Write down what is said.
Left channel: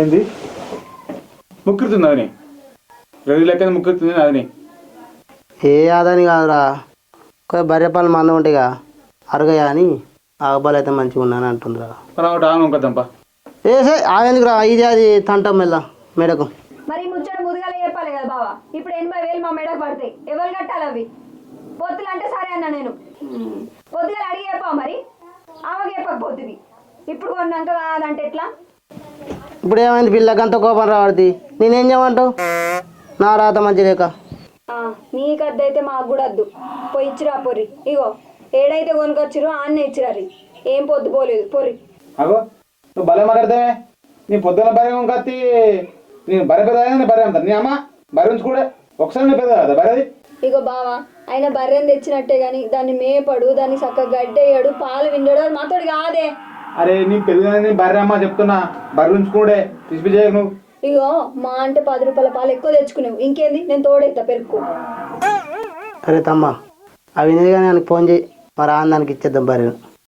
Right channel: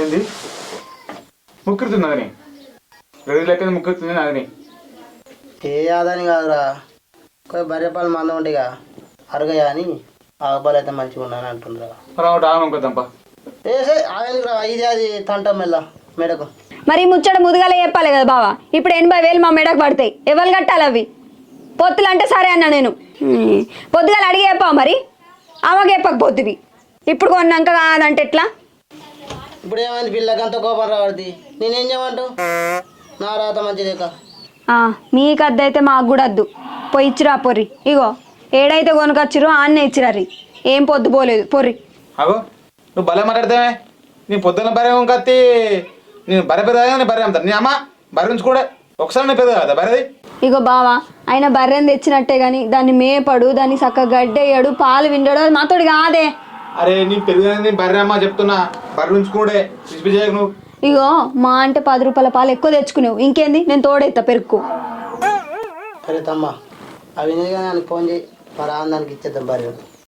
ఏంది ముక్కుతుంది అదని రెడీ లెక్క ముక్కుతుంది అదని ఏ ఆదాని కాదురా బర్రెపాలు మందం ఉంటాయిగా అరగయా అని ఆగబాలు అయితే మంచిగా ఉన్నాను అంటుండ్రా ఇంకొద్దాంపా ఏసే ఆగేందుకురా ఇది అది తంటం మెల్ల మెడకు మరి ముచ్చట ముదుగాల చెప్పాలి కదా బావా ఇప్పుడు 80,000 మా మెడకు పడతాయి ఎవరు కట్టాలి అవి పొత్తులు అంటే సరే అన్నా నేను పొద్దుగాల అడిగి చెప్పావు మరి ఆమెకు చెప్పకపోతుంది ఇప్పుడు కొన్నాక కాదంటే ఎట్లా ఇప్పుడు ఏమైంది పిల్లకి అంత కోపం రావద్ది నేనేం చేయమంటావు నా రాత మంచి లేక మీకు అద్దు అయితే మాకు కూడా వద్దు పోయి ఇచ్చిరా పొర్రి ఇగో ఏడైతే కొనుకొచ్చిరో ఆన్నే ఇచ్చిరారి ఏం పొద్దు పోలేదు పొర్రి అగో నువ్వు భలే మాట్లాడతావే నీ పొద్దున్న బర్రె కత్తి నేను బర్రె పెద్దగా నేను బర్రె అమ్ముతాను నీ అమ్మ బర్రె ఉంచుకోడే ఒకసారి నేను పెద్ద కదా బర్రెది ఇగో బావా ఆయన బర్రెని తెచ్చినట్టే కానీ దాన్ని మేపడు దాన్ని చక్కగా గడ్డేయడు పాలు విండడు అది మాతోడు కాదే అరే నీ పెరుగుదని బర్రె అమ్మ చెప్తున్నా బర్రె ఉంచుకోడే పిసిపి చేయకు నువ్వు ఇగో మా అంటే 10 రూపాయల పాలు ఎక్కువ తెచ్చుకునేవు ఇంకేంది నేను తోడెత్తా పెరుక్కు సరే తమ్మ అవి కానీ ఫోన్ చేయి మరి ఆనందానికి ఇచ్చేద్దాం బర్రెను